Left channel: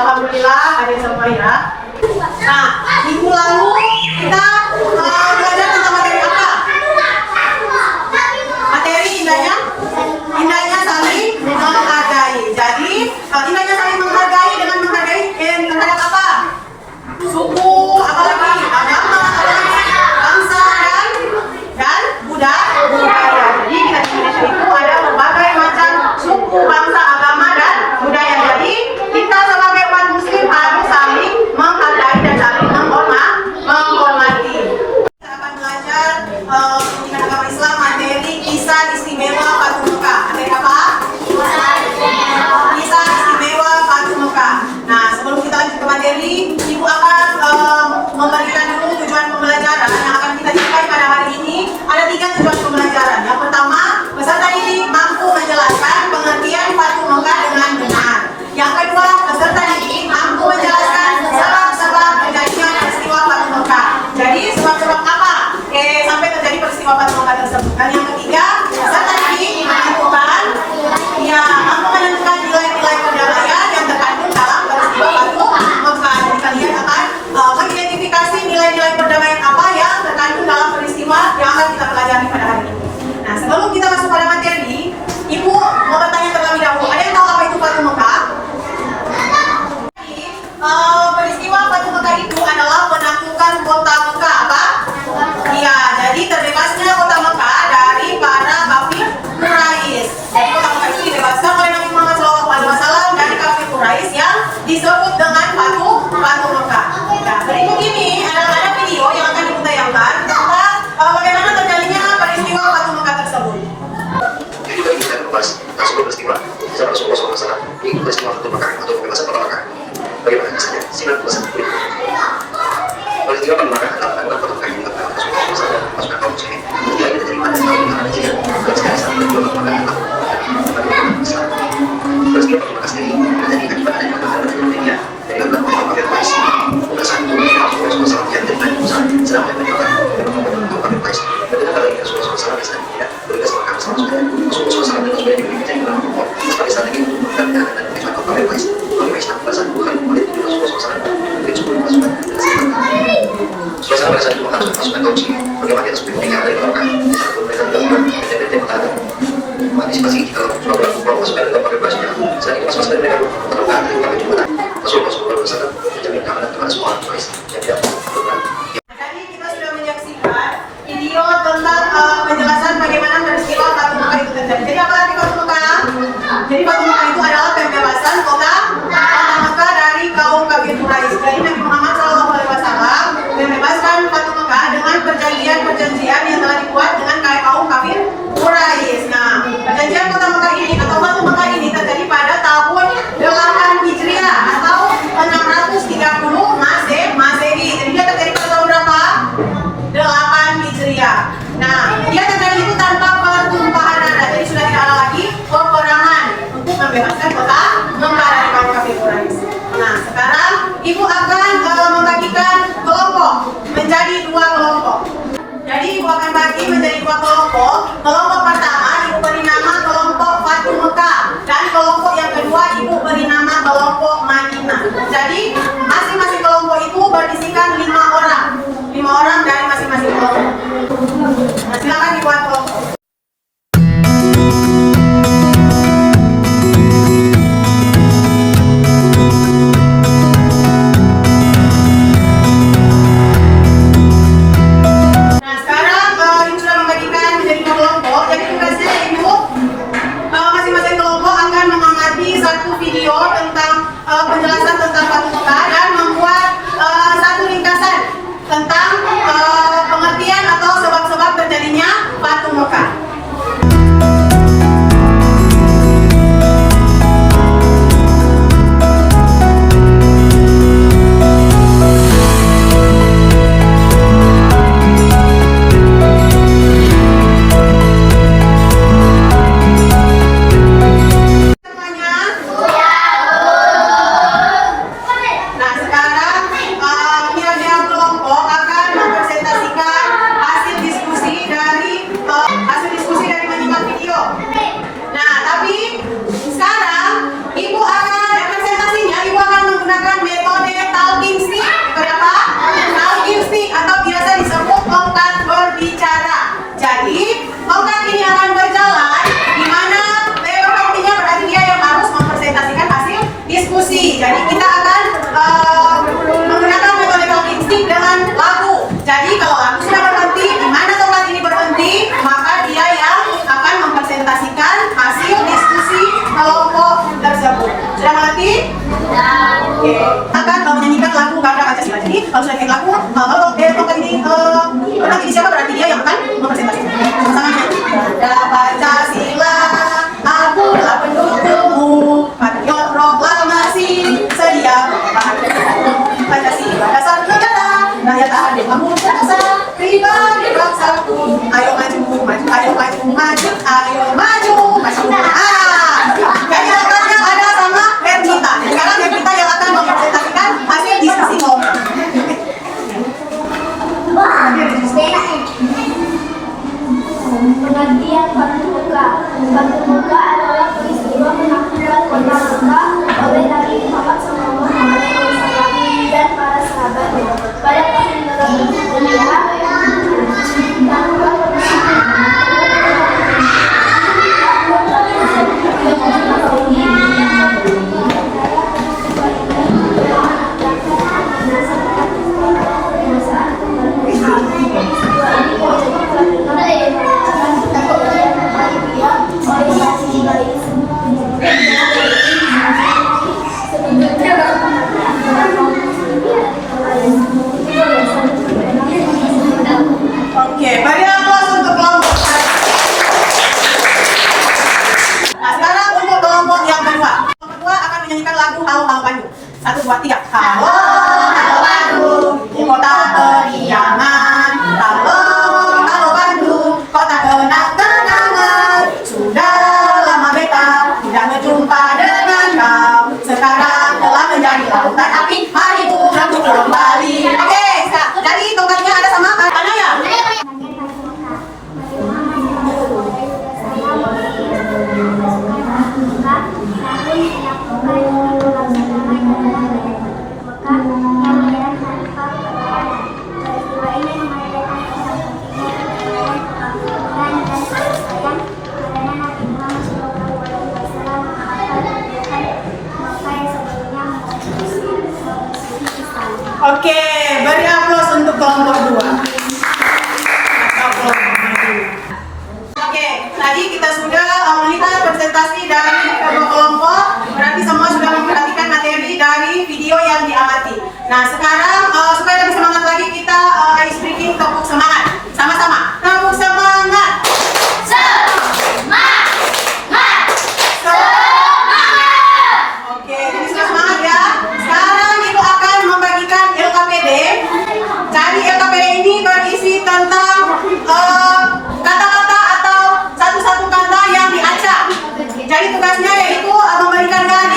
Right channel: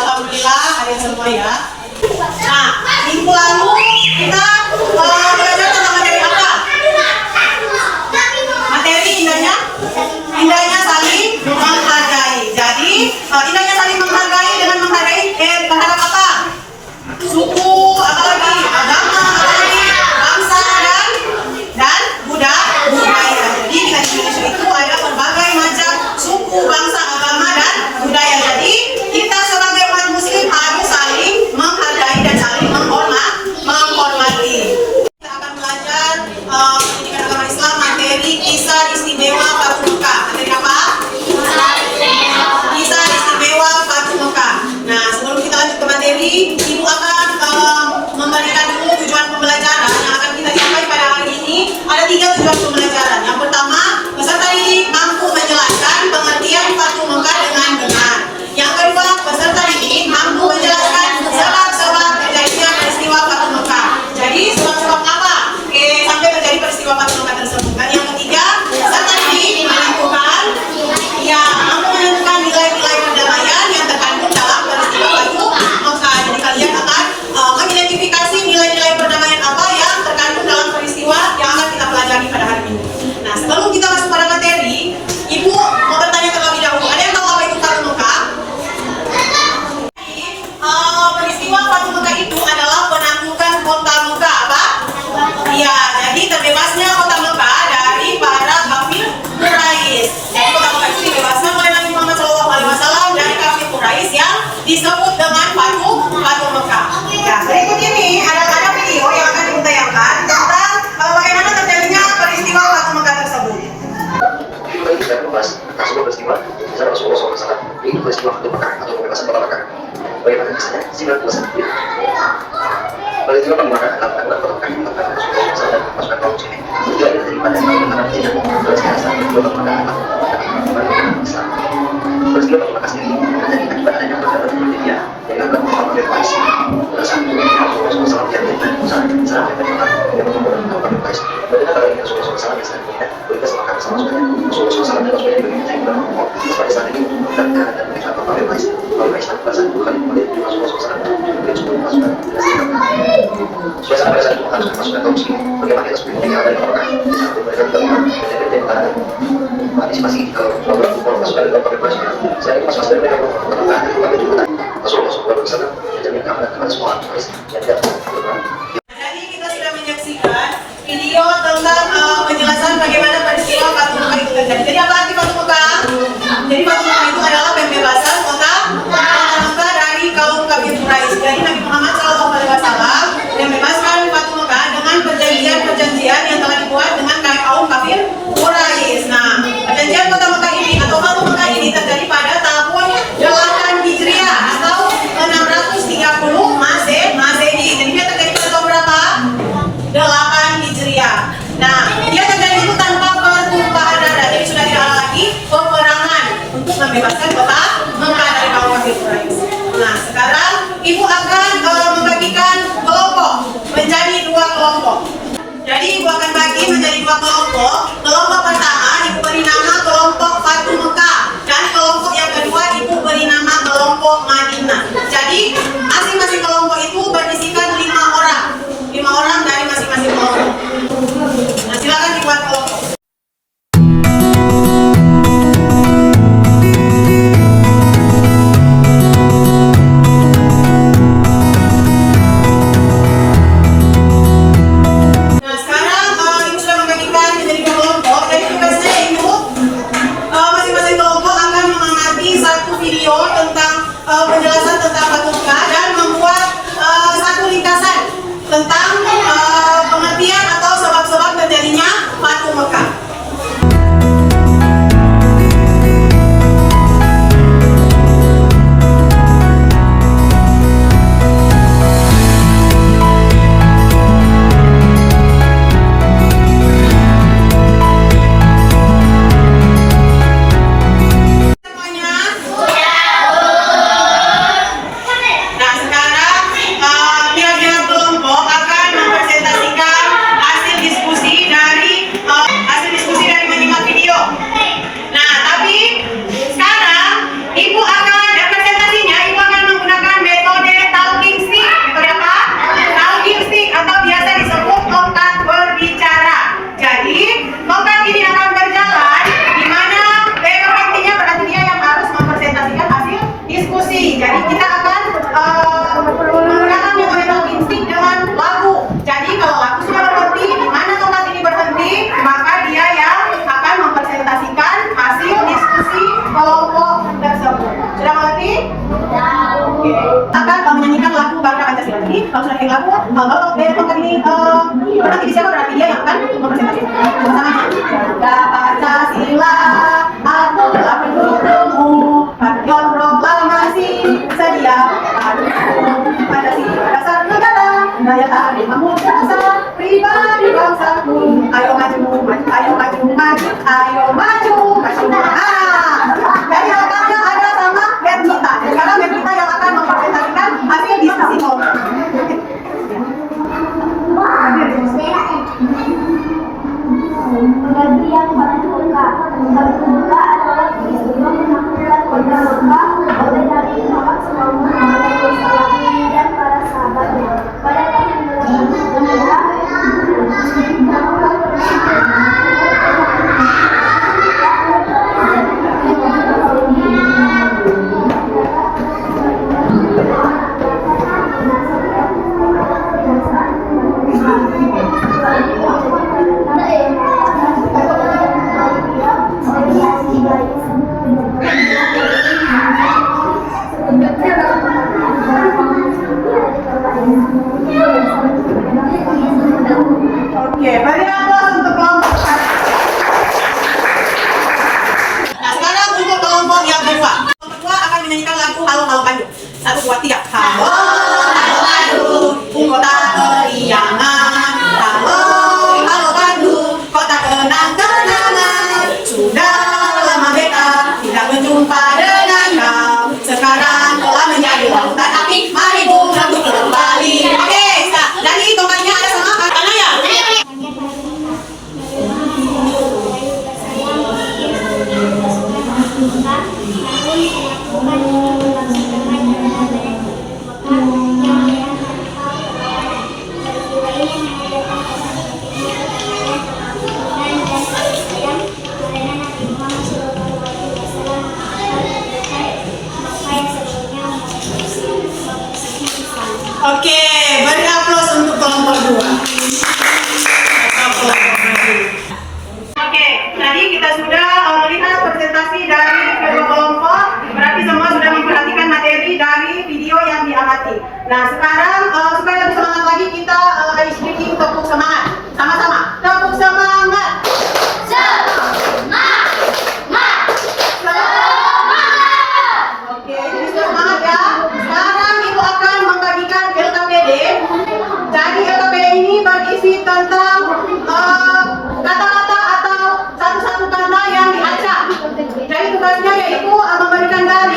Alhamdulillah ada semua ya. Nah, minggu lalu kita belajar tentang materi apa? Materi indahnya saling menghargai. Jadi indahnya saling menghargai dengan menghargai terhadap apa? Suku, apa lagi? Agama, apa lagi? Bangsa dan budaya. Jadi di Indonesia itu ada berbagai macam suku, bangsa, agama dan budaya. Jadi kita sebagai umat Muslim harus saling menghargai dan saling menghormati. Kita akan belajar pendidikan agama Islam materi kisah istimewa Fatu Mekah. Materi apa? Kisah istimewa Fatu Mekah. Nah, sebelum kita lanjut ke materi, Ibu akan memberikan dulu tujuan pembelajaran yang akan kita capai pada hari ini. Ada 3 tujuan pembelajaran. Yang pertama, peserta didik mampu menjelaskan pengertian Fatu Mekah dengan benar. Yang kedua, peserta didik mampu menjelaskan sebab-sebab terjadinya peristiwa Fatu Mekah. Jadi sebab-sebab apa? Sampai terjadi peristiwa Fatu Mekah tersebut. Dan yang ketiga, peserta didik mampu menentukan nilai-nilai perdamaian yang terkandung dalam peristiwa Fatu Mekah. Jadi kalian akan mengidentifikasi nilai-nilai perdamaian apa yang terkandung dalam peristiwa yang akan kita pelajari pada hari ini. Nah, sebelum kita masuk pada materi, Ibu mau bertanya terlebih dahulu. Ada yang tahu apa itu Fatu Mekah? Peristiwa Fatu Mekah itu adalah penaklukan kota Mekah apa? Iya, jadi terbebasnya kota Mekah dari para kafir Quraisy. Jadi kota Mekah itu dibebaskan oleh Nabi Muhammad SAW dari kafir Quraisy yang disebut dengan Fatu Mekah. Ya, berikut ini ada video yang akan Ibu tayangkan tentang bagaimana terjadinya peristiwa Fatu Mekah tersebut. Jadi kita akan membahas sebuah peristiwa secara Rasulullah SAW, yaitu peristiwa Fatu Mekah atau pembebasan kota Mekah. Bagaimana kisahnya? Simak ulasan berikut. Peristiwa Fatu Mekah adalah kota Mekah yang dilakukan Rasulullah SAW dan pasukan kaum muslimin. Tidak ada daripada karena kejadian dalam sejarah Islam peristiwa Fatu Mekah atau Islam. Peristiwa Fatu Mekah sendiri terjadi akibat adanya peradaban dunia dari beberapa kafir Quraisy. Belasan Rasulullah SAW yang dari Musa sedang memerintah kafir Quraisy. Ketika kali ini Rasulullah SAW yang sedang bertugas makan bersama saudara Rasulullah SAW dan Rasulullah diberi menjadi bulan Ramadan sebagai strategi untuk menjalankan dan menjadikan kafir Quraisy. Kafir Islam belasan bukan oleh Rasulullah SAW mungkin 10 pasukan suasana pada saat itu akan pasukan kaum muslimin bagaimana kita seperti ini ada di Mekah satu mereka melakukan PT antisipasi jika Rasulullah pasukan dan kafir Quraisy saat ini pasukan mereka melakukan Rasulullah SAW menjamin keamanan kepada semua orang Quraisy yang tidak Jadi kita sudah menyaksikan video tentang penjelasan bagaimana peristiwa Fatu Mekah itu terjadi. Jadi apa arti Fatu Mekah? Jadi Fatu Mekah itu adalah pembebasan kota Mekah dari kaum kafir Quraisy. Jadi Nabi Muhammad SAW membebaskan Fatu Mekah dengan perjanjian yang telah dibuat dengan kaum kafir Quraisy. Nah, perjanjian kota Mekah ini atau Fatu Mekah ini terjadi pada tahun 8 Hijriah atau 630 Masehi. Jadi dia terjadi pada tahun berapa? 8 Hijriah. Nah, dia terjadi itu tanpa pertumpahan darah. Jadi sudah tidak ada lagi peperangan untuk membebaskan kota Mekah dari kaum kafir Quraisy. Nah, sekarang Ibu akan membagikan kelompok menjadi 2 kelompok. Jadi Ibu akan bagi menjadi 2 kelompok. Kelompok pertama Ibu beri nama kelompok Fatu Mekah dan kelompok yang kedua Ibu beri nama kelompok Madinah. Jadi masing-masing kelompok itu berisikan 5 orang. 5 orang dari masing-masing kelompok. Nah, silakan dibuat kelompok. Nah, sekarang Ibu sudah membagikan menjadi 2 kelompok. Jadi tugasnya itu masing-masing kelompok akan mengamati satu video tentang penjelasan tentang Fatu Mekah dan membuat satu ringkasan tentang pengertian atau sebab-sebab terjadinya Fatu Mekah. Oke, akan menyanyikan lagu Bangga Pancasila. Jadi kalau sudah nyanyi lagu, kalau tongkat ini berarti siapa berarti dia yang akan mempresentasikan. Sama-sama Bangga Pancasila, akulah pendukungmu, patriot proklamasi, sedia membantu Pancasila dasar negara, rakyat adil makmur bangsa, pribadi bangsaku. Ayo maju, maju, ayo maju, maju, ayo maju, maju. Jadi jawabannya ada sama Pernita. Sekarang Pernita yang akan mempresentasikan hasil diskusi ngobrol. Penggantian batu muka. Batu muka adalah peristiwa penaklukan kota Mekah oleh Nabi Muhammad SAW dan para sahabatnya pada tahun 2005. Oke, beri aplaus untuk kelompok satu. Nah, sekarang untuk kelompok yang kedua. Kelompok kedua akan menyanyikan lagu Halo Halo Bandung. 1, 2, 3. Halo Halo Bandung, kota keriangan. Halo Halo Bandung, kota kenang-kenangan. Sudah lama beta tidak berjumpa dengan kau. Sekarang telah menjadi lautan api. Mari bunga putih kembali. Oke, jadi tongkatnya ada sama mana ya? Oke, beri aplaus untuk kelompok dua. Oke, tadi kita sudah melihat presentasi dari kedua kelompok. Berarti semua sudah memperhatikan materi dari video yang diamati. Nah, sekarang supaya lebih semangat lagi kita ice breaking tepuk semangat. Sama-sama, tepuk semangat. Oke, jadi sudah semangat ya. Sekarang Ibu akan membagikan LKPD. Jadi LKPD ini berisi tentang kata-kata atau satu-satu kata yang diacak. Jadi tugasnya yaitu memberikan garis